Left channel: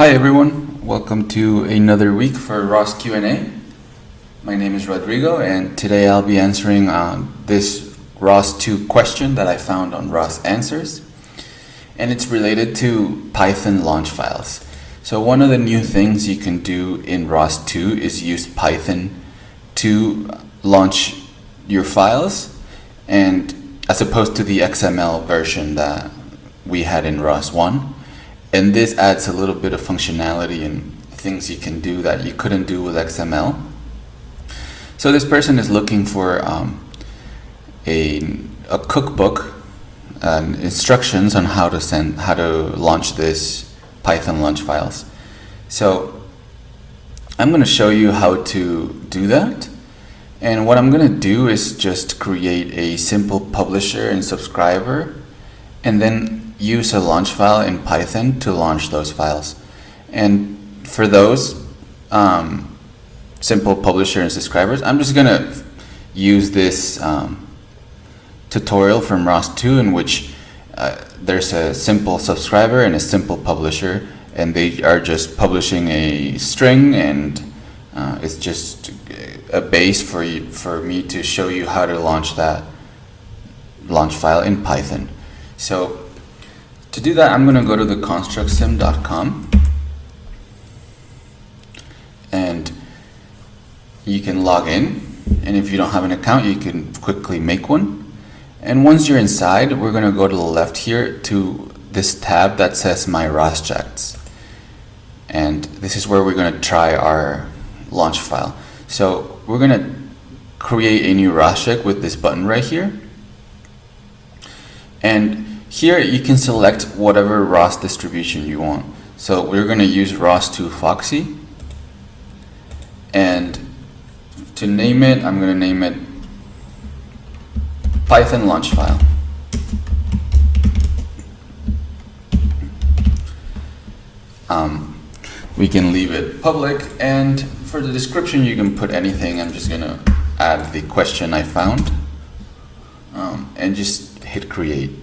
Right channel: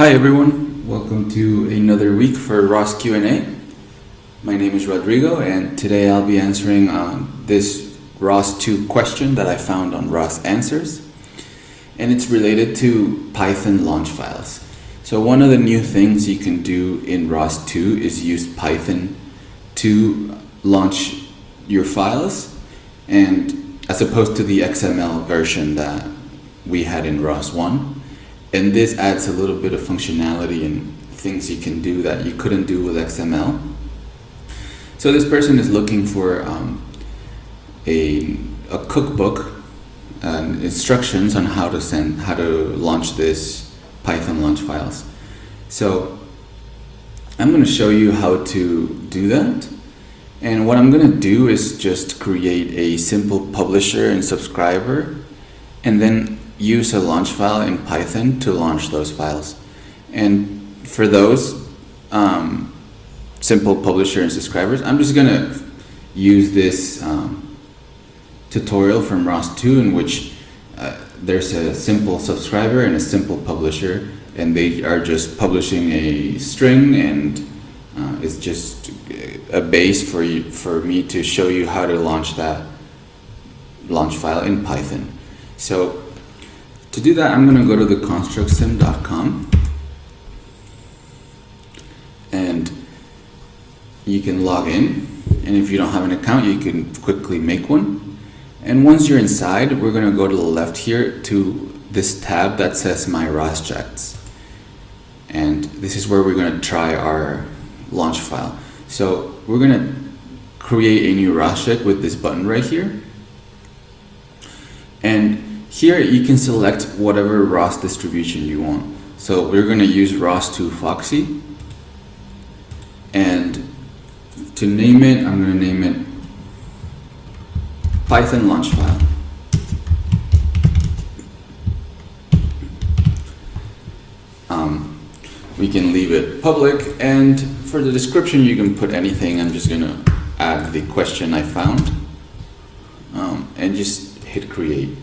Hi everyone, welcome to another week for ROS Q&A. My name is Rodrigo and today I'll be answering this ROS2 question that I found on ROS Answers, and it's related to Python launch files. So one of the new things you can do in ROS2 is use Python to launch your files, and as opposed to the XML version that we had in ROS1. And this adds a little bit of functionality and things you can do that you couldn't do with XML. So this person is looking for a cookbook and instructions on how to launch this Python launch files. So I'm going to show you how to do that. And what I'm going to do is just create a simple publisher and subscriber, and then use a launch file in Python to launch those files. And for those simple publisher and subscribers, I'm just gonna use this tutorial from ROS2 in which there's a simple subscriber and a simple publisher, and they are just publishing a string, and it's just a base for me to show you how to launch that launch file in Python. So to do that, I'm going to go to the constructsim.com, and you can log in, and if you don't have an account you can quickly make one. And once you're inside, we're going to go to the left here to this tab that says My ROS Checks, and this is where we're going to try our launch file. So we're going to create a new ROS check with this button right here, and here you can select whatever ROS distribution you want. So we're going to use ROS2 Foxy, and to name it, I'm going to name it Python launch file. We can leave it public, and for the description you can put anything. I'm just going to add the question I found, and just hit create.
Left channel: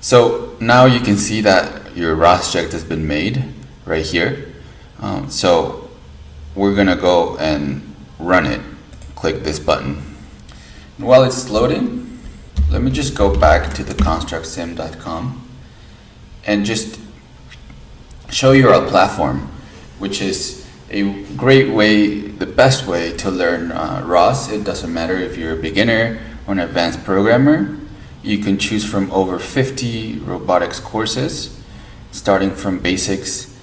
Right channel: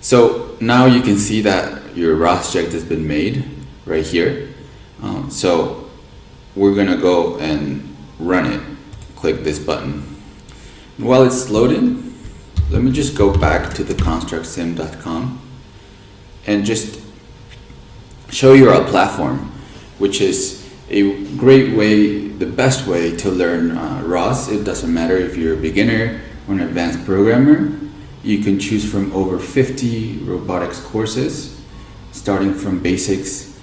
So now you can see that your ROS check has been made right here. So we're going to go and run it. Click this button. And while it's loading, let me just go back to the constructsim.com and just show you our platform, which is a great way, the best way to learn ROS. It doesn't matter if you're a beginner or an advanced programmer. You can choose from over 50 robotics courses, starting from basics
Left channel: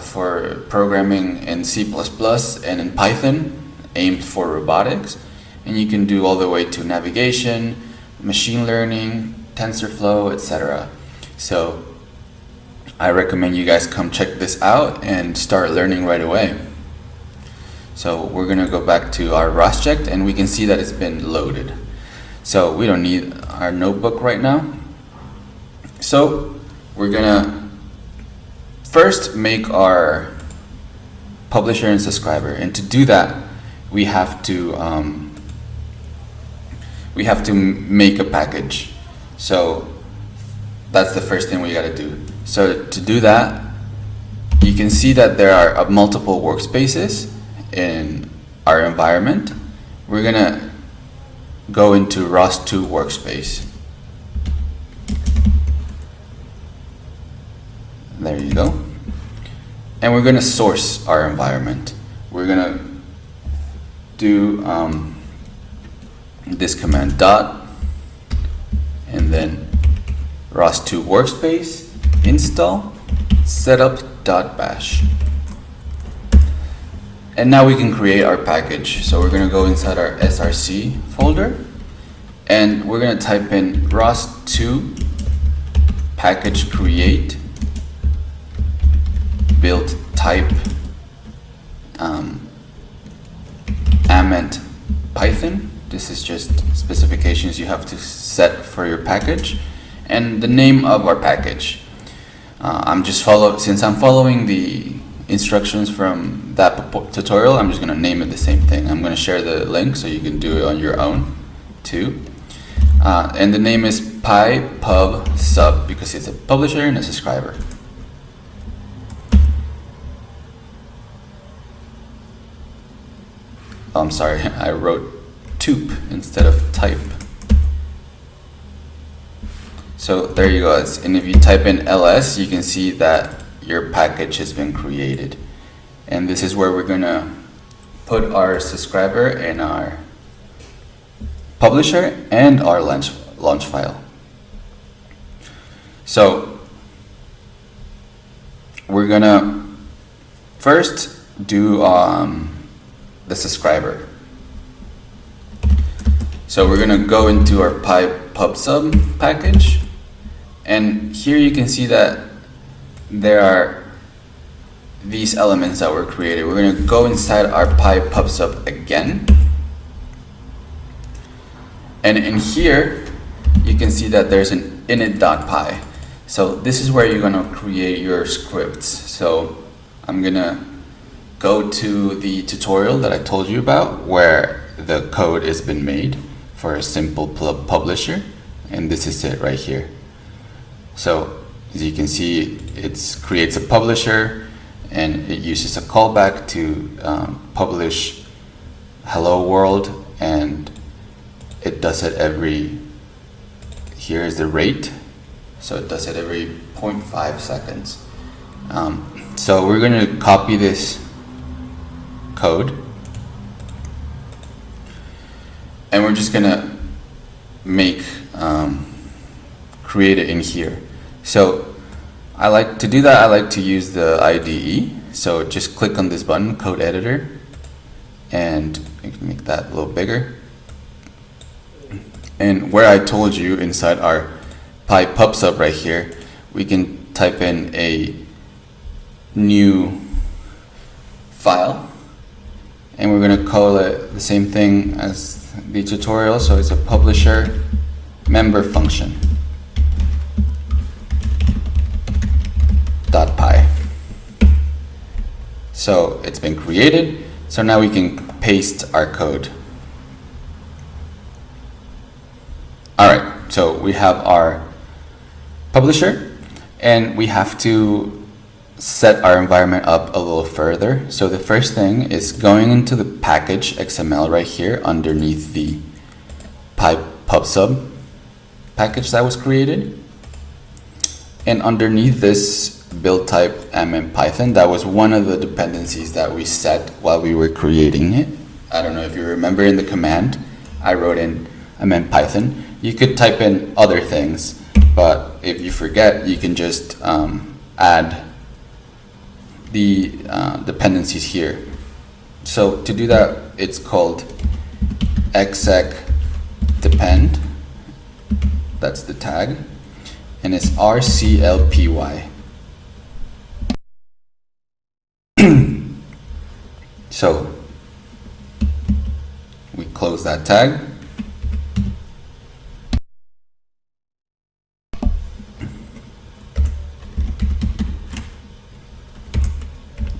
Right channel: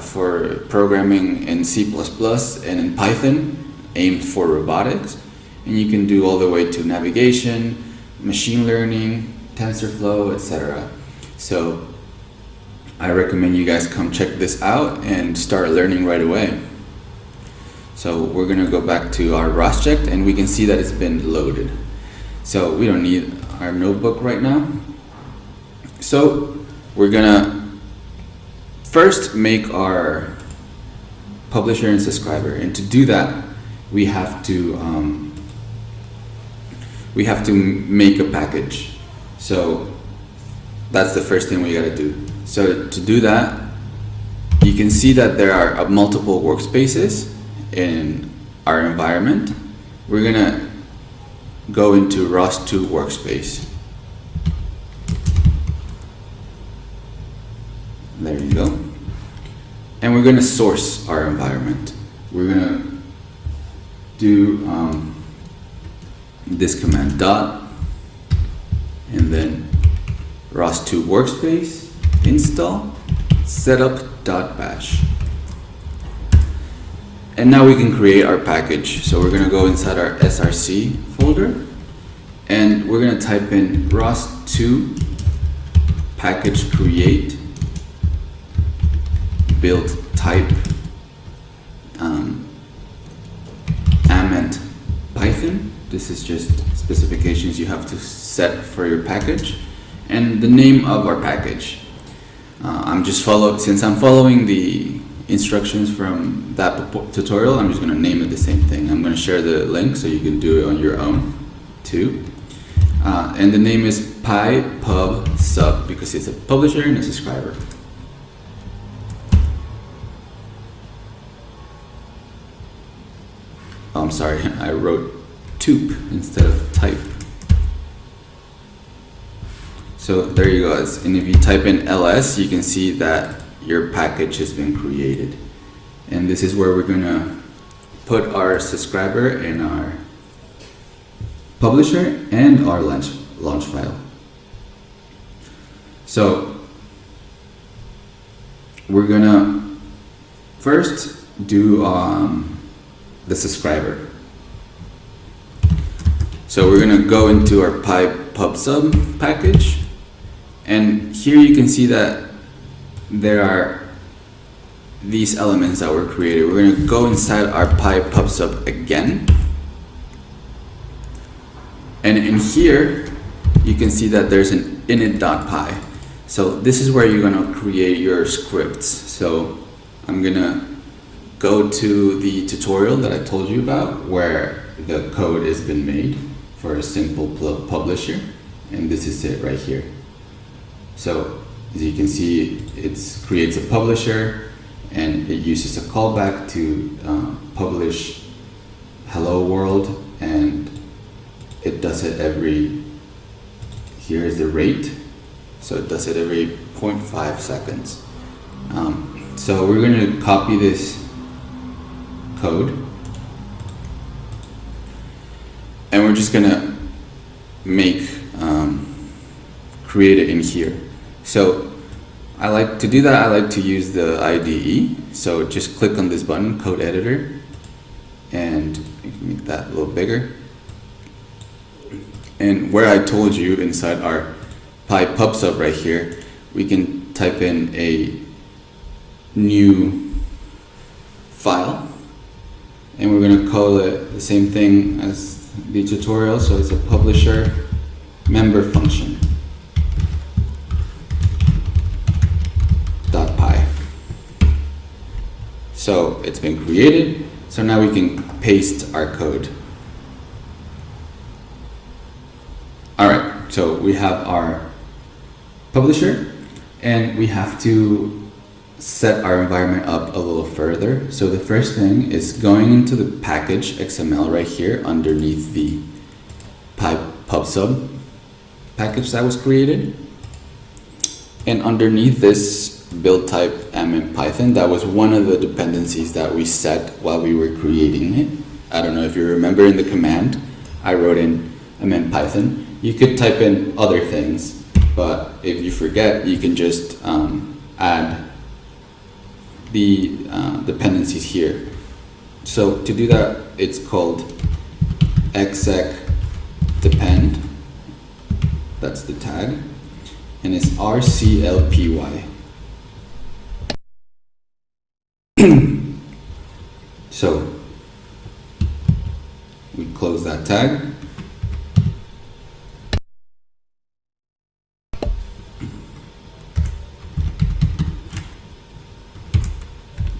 for programming in C++ and in Python, aimed for robotics. And you can do all the way to navigation, machine learning, TensorFlow, etc. So I recommend you guys come check this out and start learning right away. So we're going to go back to our ROS check, and we can see that it's been loaded. So we don't need our notebook right now. So we're gonna first make our publisher and subscriber, and to do that we have to make a package. So that's the first thing we got to do. So to do that, you can see that there are multiple workspaces in our environment. We're gonna go into ROS2 workspace. There you go. And we're going to source our environment. We're going to do this command dot, and then ROS2 workspace install setup.bash. And now we can create our package. So we're going to go inside our src folder, and we're going to type in ROS2 package create build type amment Python. This is just specifications you have to set for your package, and the name of our package. Since I'm following the instructions from that tutorial, I'm just going to name it the same thing. I'm going to share the link so you can do it on your own too. And the name is PyPub sub because it's a publisher and a subscriber. Oh, I'm sorry, I wrote tube instead of type. So there you go, and if you type in ls, you can see that your package has been created. And this is where we're gonna put our subscriber and our publisher and our launch file. So we're gonna first do the subscriber. So we're gonna go into our pub/sub package, and here you can see that there are these elements that were created. We're gonna go inside our pub/sub again, and in here you can see that there's an init.py. So this is where you're gonna create your scripts. So I'm gonna go to the tutorial that I told you about where the code has been made for a simple publisher, and this is it right here. So as you can see, it creates a publisher and it uses a callback to publish hello world, and it does it here is the rate, so it does it every 0.5 seconds. So we're going to copy this code, and we're just going to create it in here. So I like to use the IDE. So just click on this button, code editor, and make that a little bigger. And where I told you inside our pub/sub right here, we can type in a new file, and we're going to call it the same thing as the tutorial. So it's a publisher member function .py. So it's been created. So now we can paste our code. All right, so we have our publisher, and we have to set our environment up a little further. So the first thing is going into the package XML right here underneath the pub/sub package that was created. And underneath this build type Python, that was one of the dependencies that we set while we were creating it. I don't know if you remember, in the command I wrote in Python. You could type in other things, but if you forget, you can just add the dependencies here. So to do that, it's called exec depend. That's the tag, and it's RCLPY. So we close that tag.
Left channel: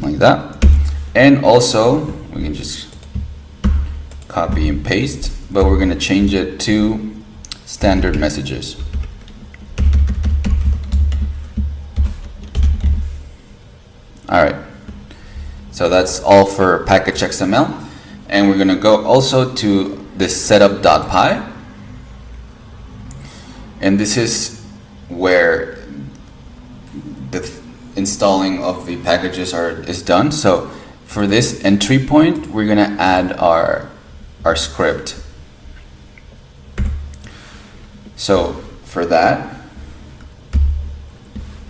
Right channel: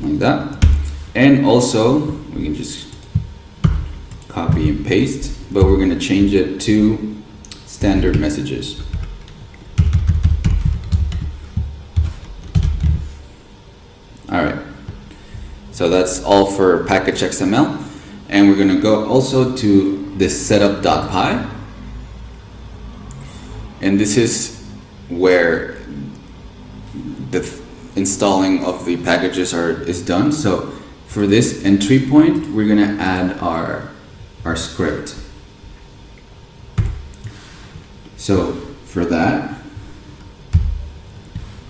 Like that. And also we can just copy and paste, but we're going to change it to standard messages. All right, so that's all for package XML, and we're going to go also to this setup.py, and this is where the installing of the packages is done. So for this entry point, we're going to add our script. So for that,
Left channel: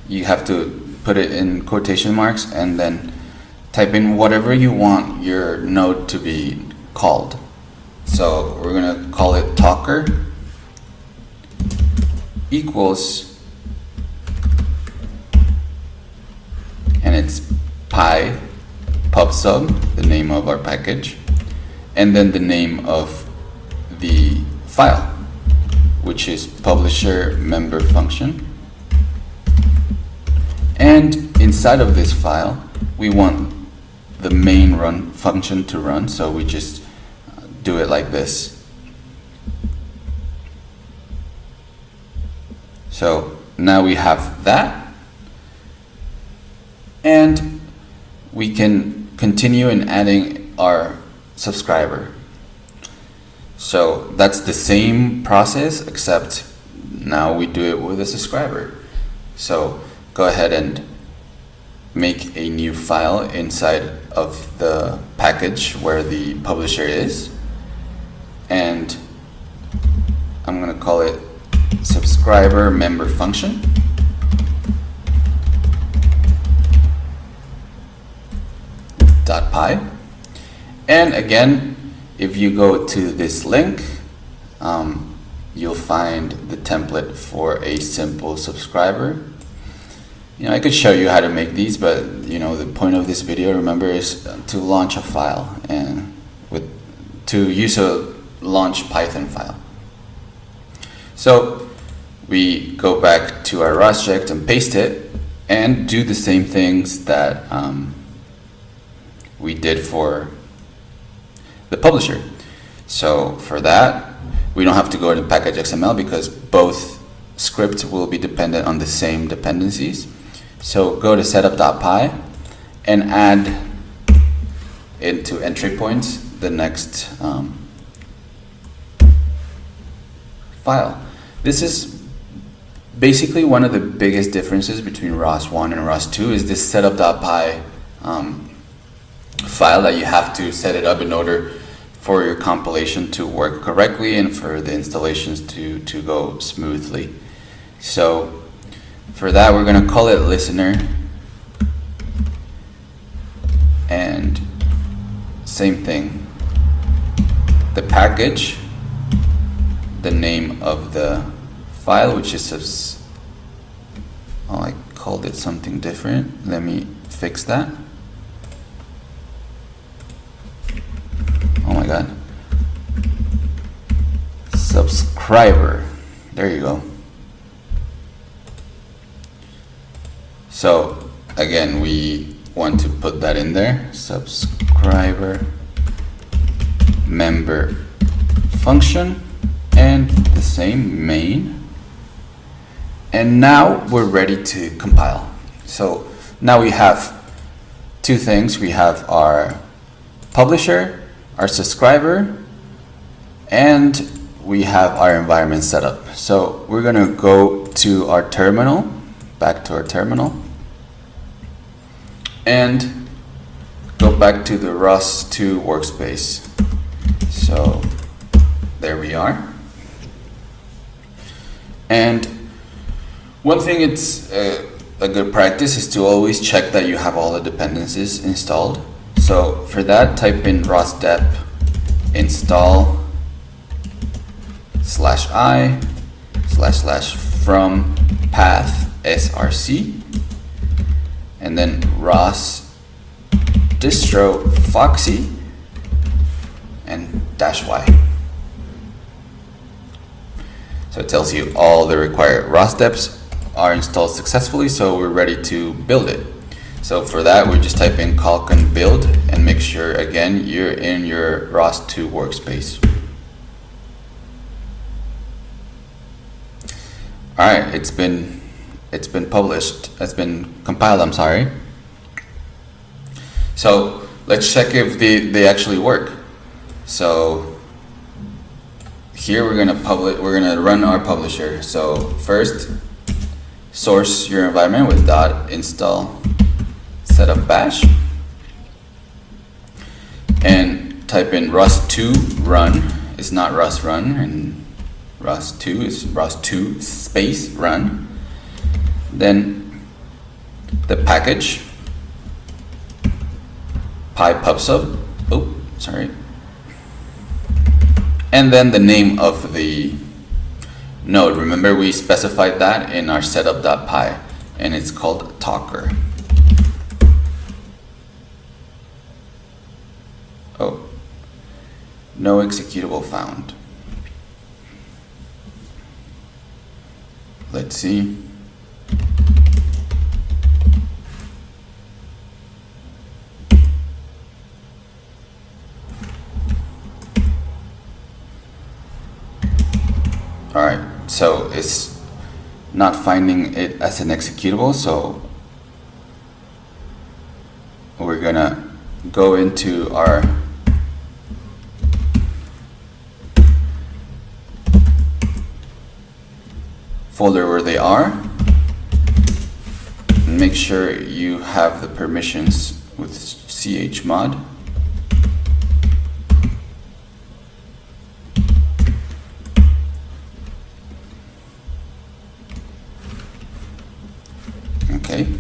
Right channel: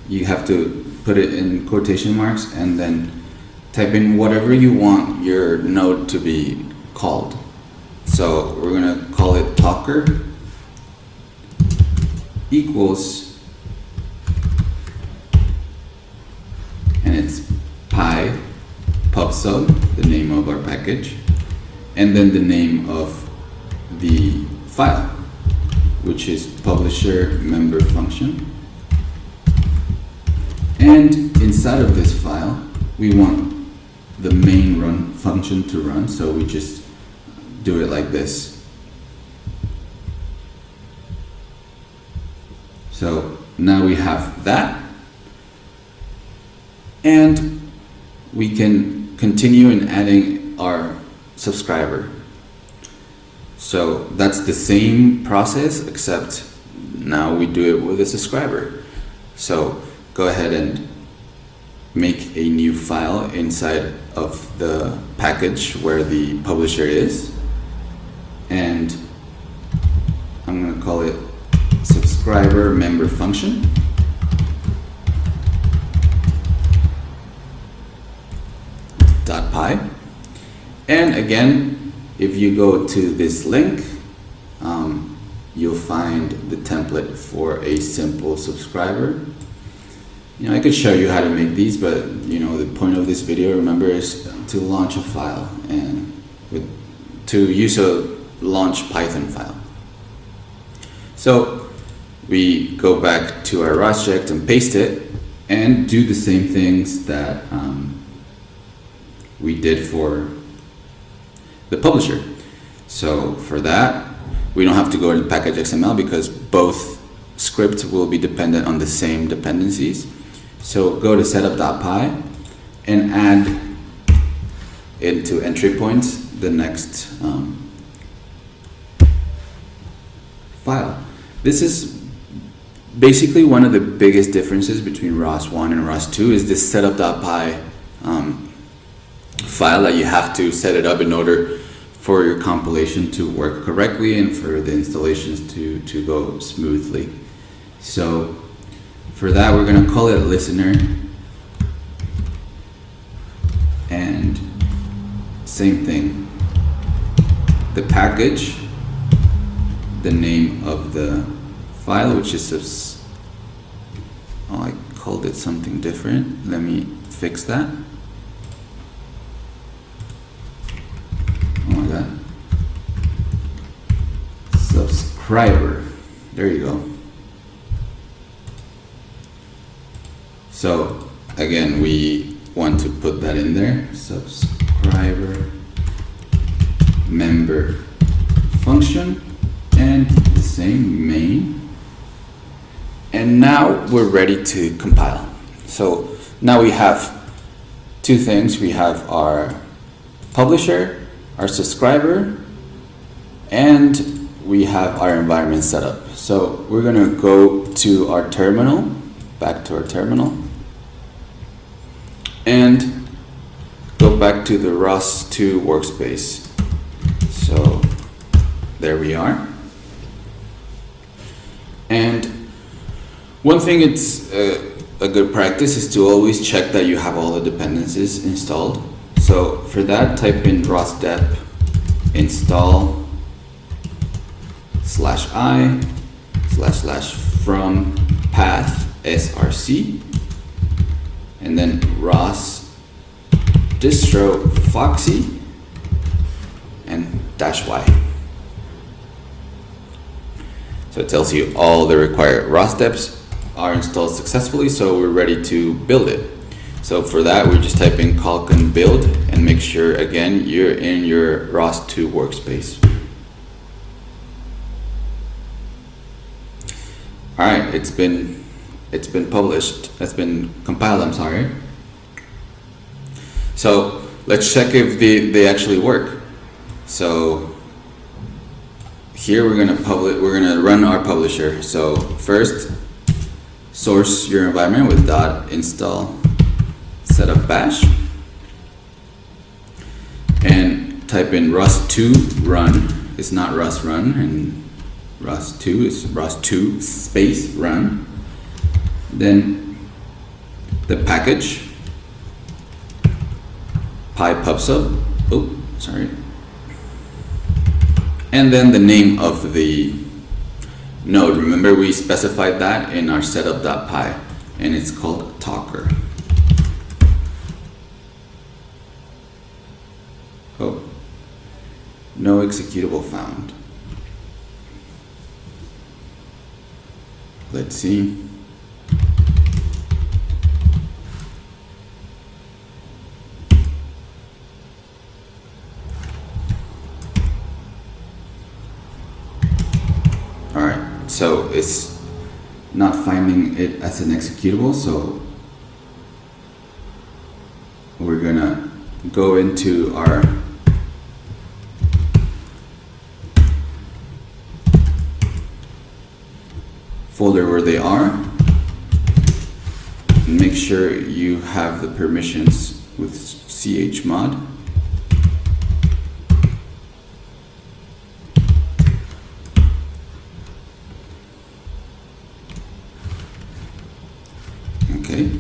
you have to put it in quotation marks and then type in whatever you want your node to be called. So we're going to call it talker equals, and it's pub/sub, the name of our package, and then the name of the file, which is publisher member function. And inside of this file, we want the main run function to run, so we just do it like this. So now we have that, and we can continue in adding our subscriber. So that's the same process, except now we do it with a subscriber. So go ahead and make a new file inside of the package where the publisher is, and I'm going to call it subscriber member function. .py. And again, if you go to this link, you'll find the template for a simple subscriber. I could show you how to make these, but the point of this video, remember, is to launch a file and to use a launch Python file. So we go back to our ROSject and paste it and do the same things that we did for the publisher. So for that, we don't have to go into package XML because both scripts will be dependent on the same dependencies. So go to setup.py and add into entry points the next file. This is basically one of the biggest differences between ROS1 and ROS2 is this setup.py file that you have to set it up in order for your compilation to work correctly and for the installations to go smoothly. So for that, we're going to call it listener, and same thing, the package, the name of the file, which is I called it something different. Let me fix that. Oh my god. Subscriber. There you go. So again, we want to put that in there. Subscriber member function and the same main. And now we're ready to compile. So now we have two things. We have our publisher, our subscriber, and we have our environment set up. So we're going to go to our terminal, back to our terminal, and go back to the ROS2 workspace. So there we are. And one thing it's a good practice is to always check that you have all the dependencies installed. So for that, type in rosdep install /i/from path src, and then ROS distro foxy and -y. So it tells you all the required ROS deps are installed successfully, so we're ready to build it. So for that, we just type in calcon build and make sure again you're in your ROS2 workspace. All right, it's been published. It's been compiled. I'm sorry. So let's check if they actually work. So here we're gonna run our publisher. So first, source your environment with .install setup bash, and type in ROS2 run. It's not ROS run, and ROS2 is ROS2 space run. Then the package pypubsub. Oh, sorry. And then the name of the node. Remember, we specified that in our setup.py, and it's called talker. Oh, no executable found. Let's see. All right, so it's not finding it as an executable, so we're gonna go into our folder where they are. Make sure you have the permissions with chmod. Okay.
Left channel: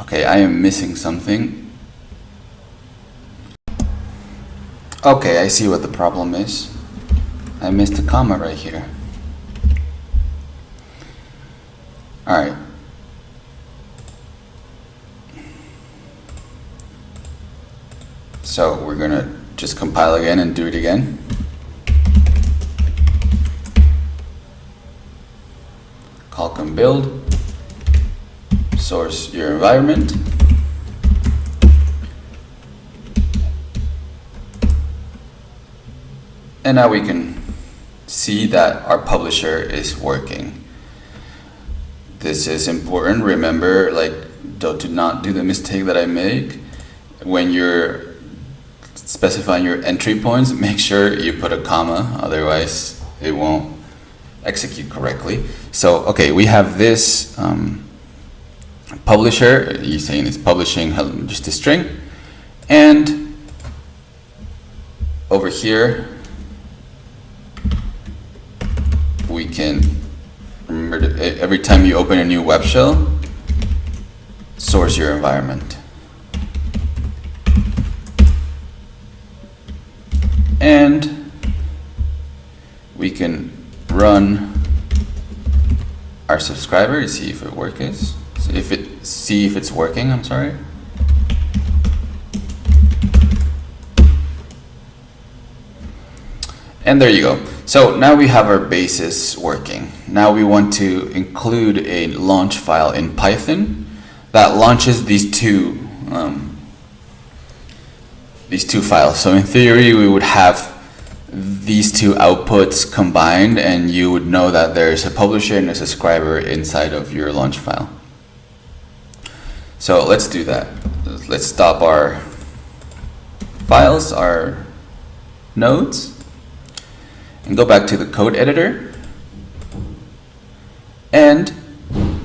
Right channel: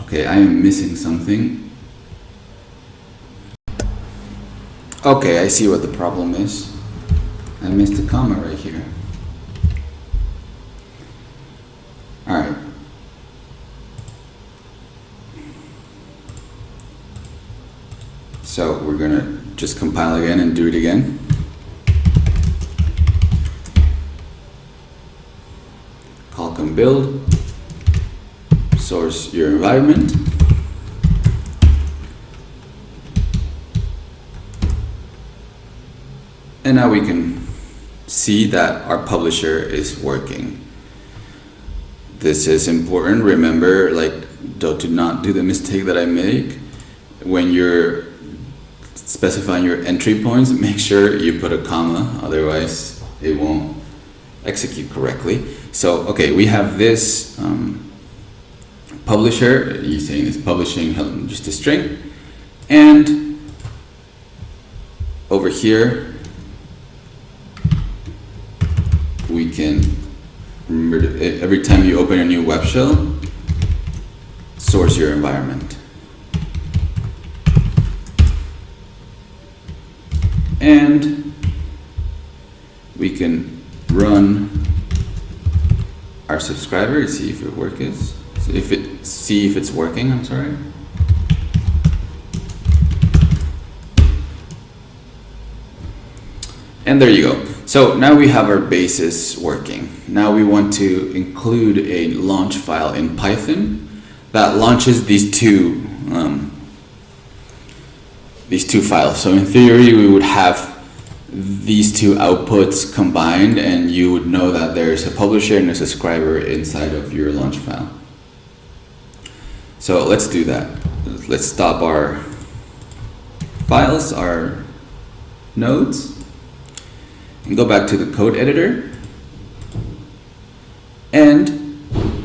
Okay, I am missing something. Okay, I see what the problem is. I missed a comma right here. All right. So we're gonna just compile again and do it again. Call build, source your environment. And now we can see that our publisher is working. This is important. Remember, do not do the mistake that I make. When you're specifying your entry points, make sure you put a comma, otherwise it won't execute correctly. So, okay, we have this publisher. You're saying it's publishing just a string. And over here, we can, remember, every time you open a new web shell, source your environment. And we can run our subscriber to see if it see if it's working, I'm sorry. And there you go. So now we have our basis working. Now we want to include a launch file in Python that launches these two files. So in theory, we would have these two outputs combined, and you would know that there's a publisher and a subscriber inside of your launch file. So let's do that. Let's stop our files, our nodes, and go back to the code editor. And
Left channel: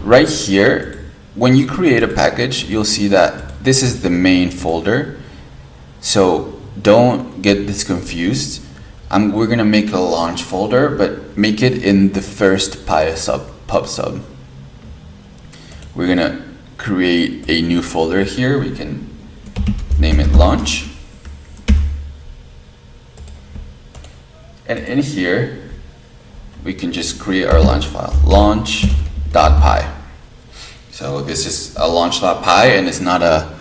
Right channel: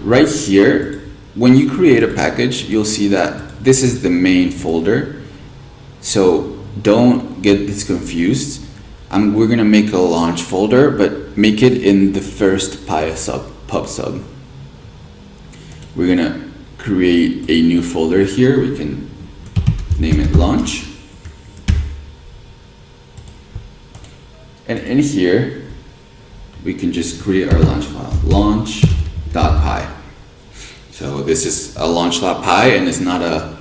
right here, when you create a package, you'll see that this is the main folder. So don't get this confused. We're gonna make a launch folder, but make it in the first pub sub. We're gonna create a new folder here. We can name it launch. And in here, we can just create our launch file, launch.py. So this is a launch.py and it's not a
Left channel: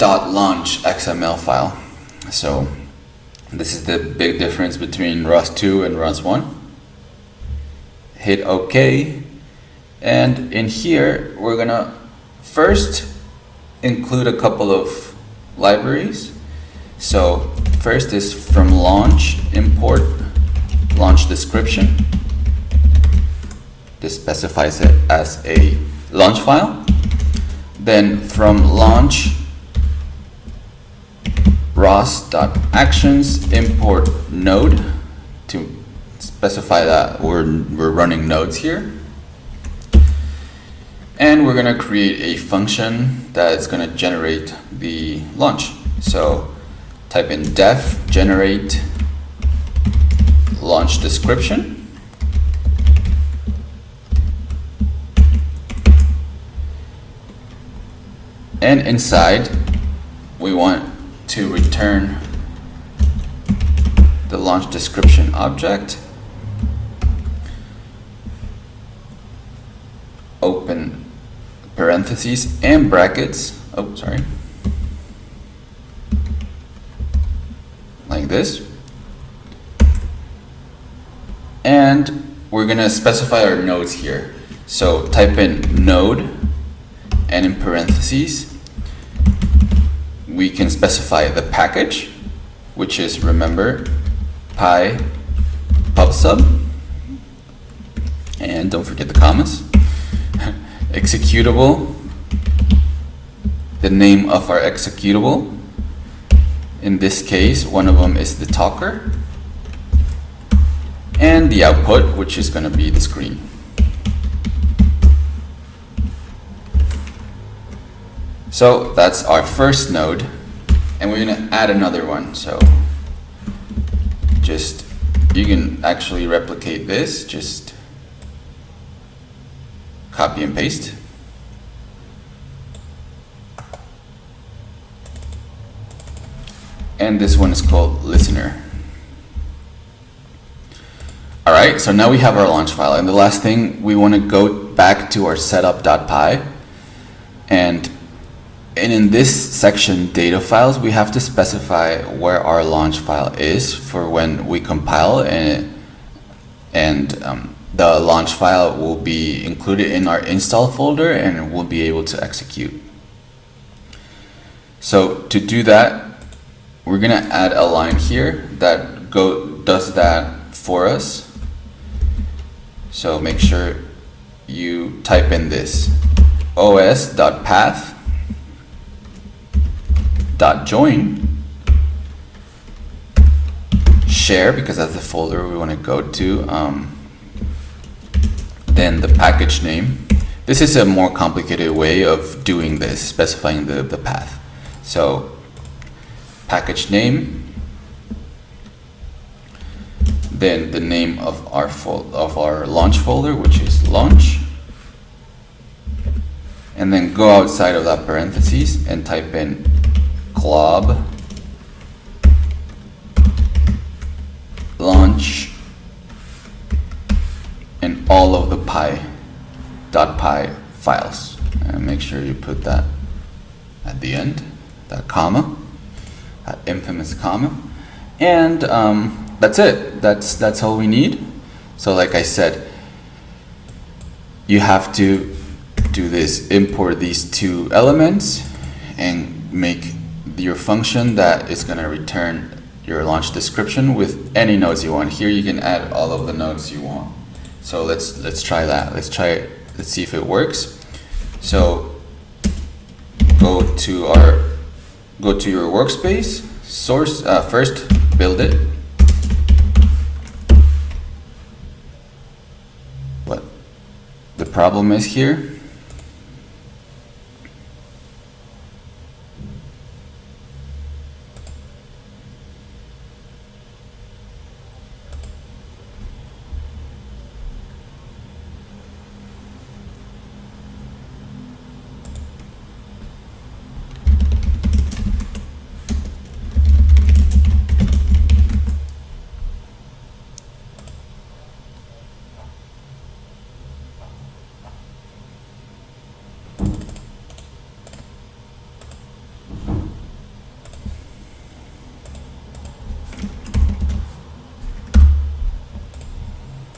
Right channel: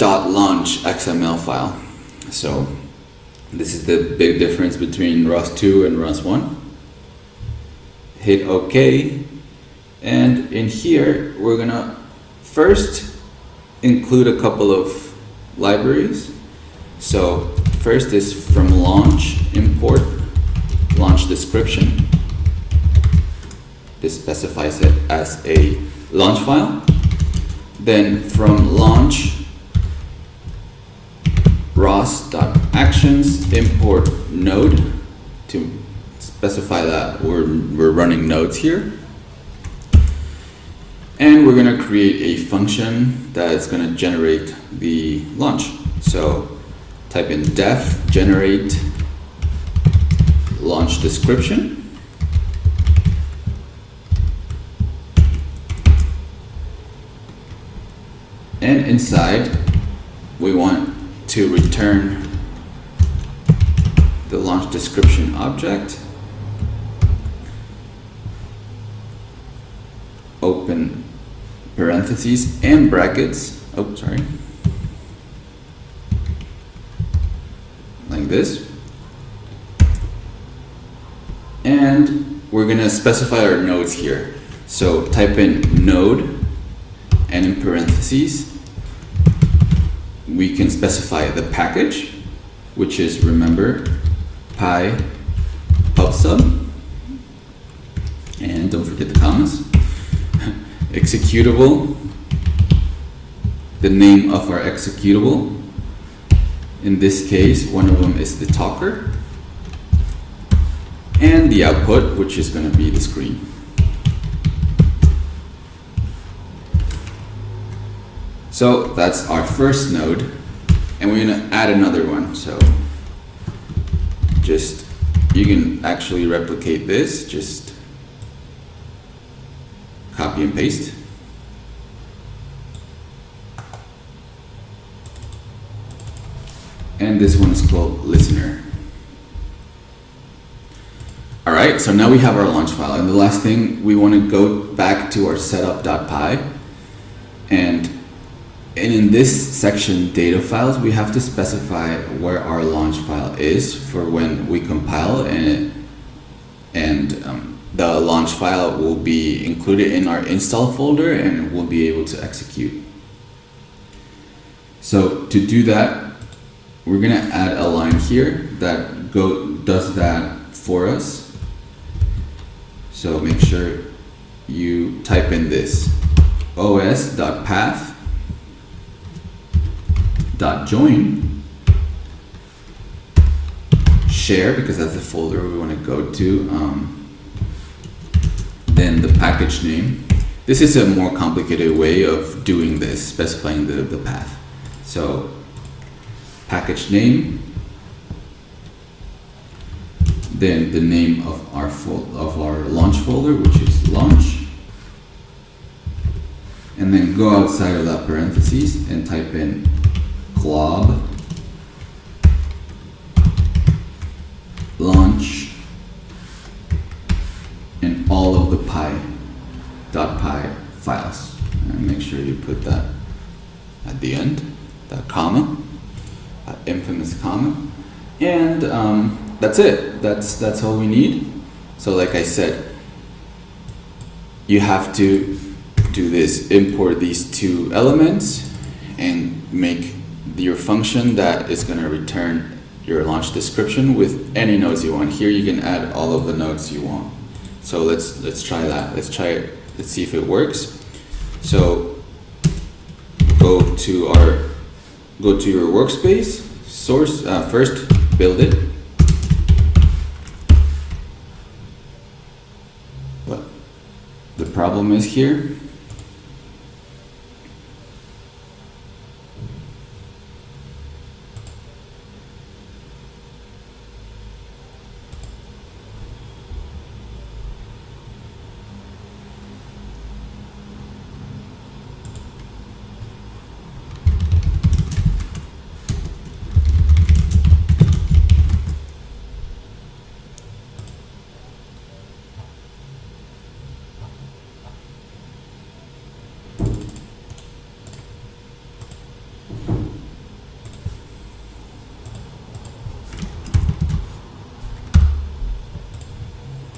.launch XML file. So this is the big difference between ROS2 and ROS1. Hit OK. And in here, we're gonna first include a couple of libraries. So first is from launch, import launch description. This specifies it as a launch file. Then from launch, ROS.actions, import node to specify that we're running nodes here. And we're gonna create a function that is gonna generate the launch. So type in def generate launch description. And inside, we want to return the launch description object. Open parentheses and brackets. Oh, sorry. Like this. And we're gonna specify our nodes here. So type in node, and in parentheses, we can specify the package, which is, remember, py pubsub, and don't forget the commas. Executable, the name of our executable. In this case, one of them is the talker, and the output, which is going to be the screen. So that's our first node, and we're going to add another one. So just, you can actually replicate this, just copy and paste. And this one is called listener. All right, so now we have our launch file, and the last thing, we want to go back to our setup.py, and in this section, data files, we have to specify where our launch file is for when we compile, and the launch file will be included in our install folder, and we'll be able to execute. So to do that, we're gonna add a line here that does that for us. So make sure you type in this os.path.join share, because that's the folder we want to go to. Then the package name. This is a more complicated way of doing this, specifying the path. So package name, then the name of our launch folder, which is launch, and then go outside of that parentheses and type in glob launch and all of the .py files, and make sure you put that at the end, that comma, that infamous comma, and that's it. That's all we need. So like I said, you have to do this, import these two elements and make your function that is going to return your launch description with any nodes you want. Here you can add all of the nodes you want. So let's try that. Let's try it. Let's see if it works. So go to your workspace, source, first build it. What the problem is here,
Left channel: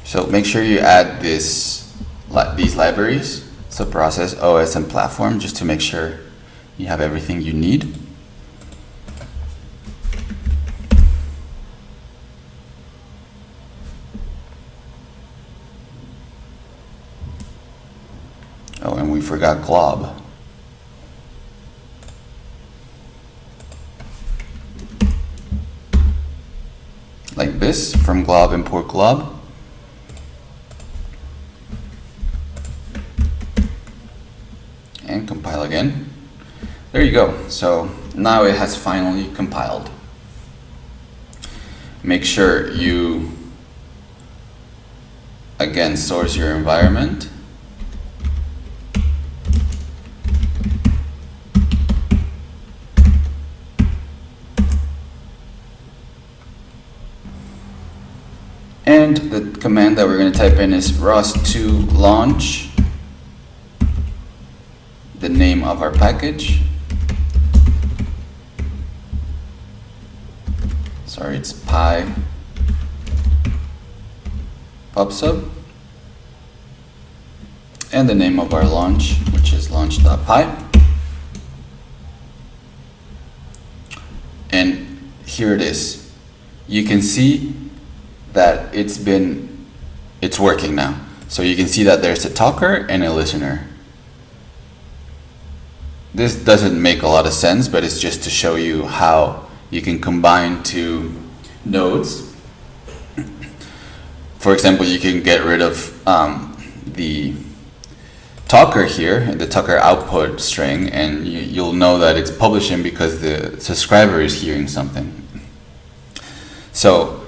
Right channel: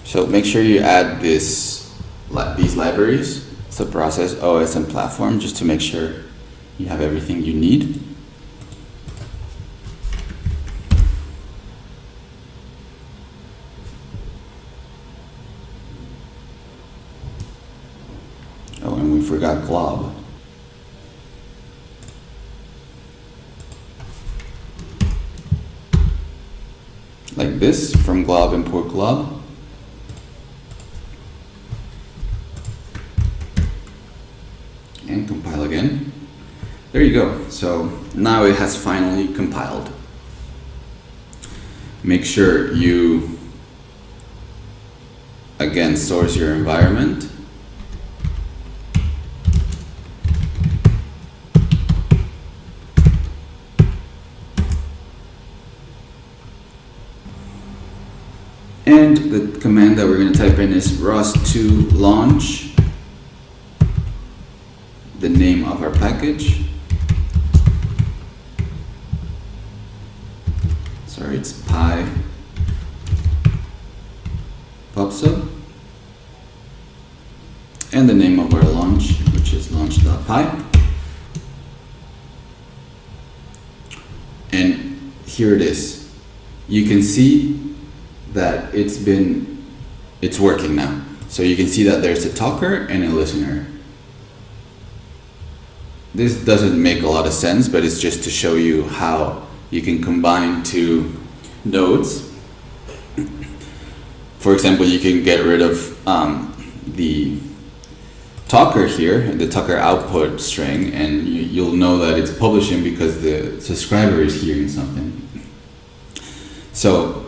so make sure you add these libraries, subprocess, OS, and platform, just to make sure you have everything you need. Oh, and we forgot glob. Like this, from glob, import glob. And compile again. There you go. So now it has finally compiled. Make sure you, again, source your environment. And the command that we're going to type in is ROS2 launch, the name of our package. Sorry, it's py pubsub, and the name of our launch, which is launch.py. And here it is. You can see that it's working now. So you can see that there's a talker and a listener. this doesn't make a lot of sense, but it's just to show you how you can combine two nodes. For example, you can get rid of the talker here, the talker output string, and you'll know that it's publishing because the subscriber is hearing something. So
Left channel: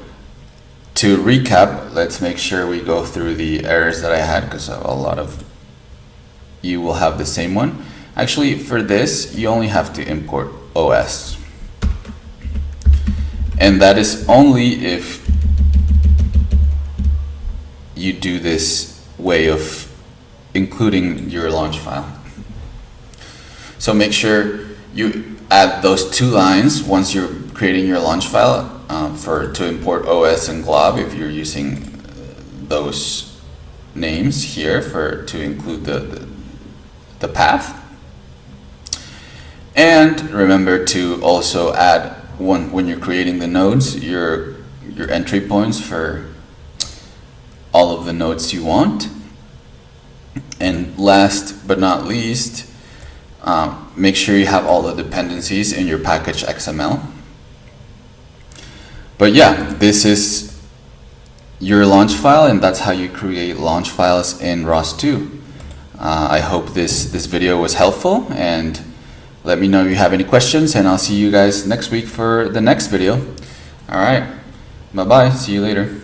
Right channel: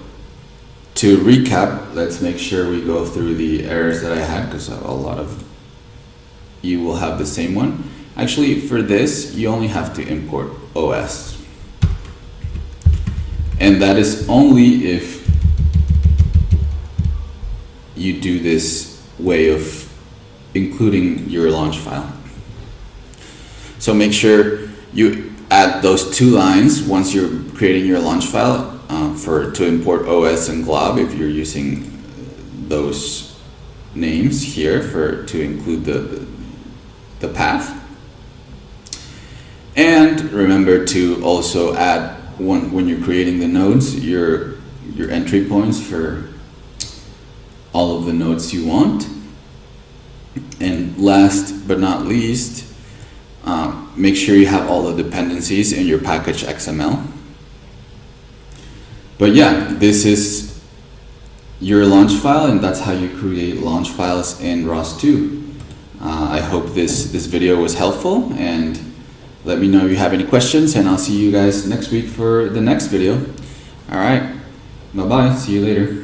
to recap, let's make sure we go through the errors that I had, because a lot of you will have the same one. Actually, for this, you only have to import OS. And that is only if you do this way of including your launch file. So make sure you add those two lines once you're creating your launch file to import OS and glob, if you're using those names here to include the path. And remember to also add, when you're creating the nodes, your entry points for all of the nodes you want. And last but not least, make sure you have all the dependencies in your package XML. But yeah, this is your launch file, and that's how you create launch files in ROS2. I hope this video was helpful, and let me know if you have any questions, and I'll see you guys next week for the next video. All right, bye-bye, see you later.